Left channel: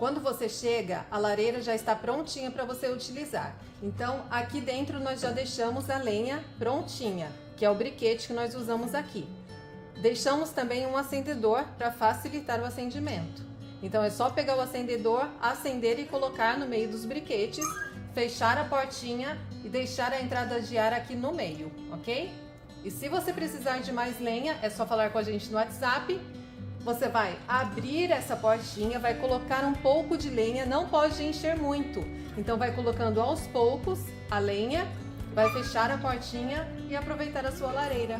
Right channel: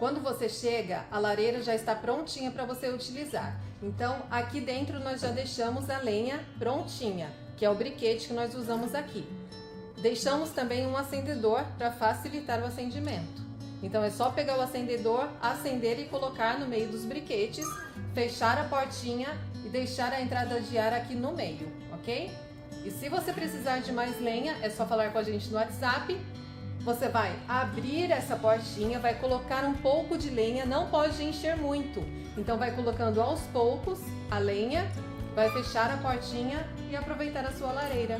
Quando você chega, a lareira já está prontinha para você utilizar. Então, aqui dentro nós já deixamos a lenha prontinha, que é o briquete que nós usamos aqui. Deixamos também um acendedor para facilitar o acendimento. Então é só pegar o acendedor, acender e colocar no meio dos briquetes, fechar a portinha e deixar a entrada de ar aqui no meio, ok? E se você precisar de mais lenha, é só falar com a gente no WhatsApp. Você vai abrir essa portinha, vai colocar um pouco de lenha, não pode encher muito. Então vai colocando aos poucos a lenha, vai fechar a portinha e aproveitar a sua lareira.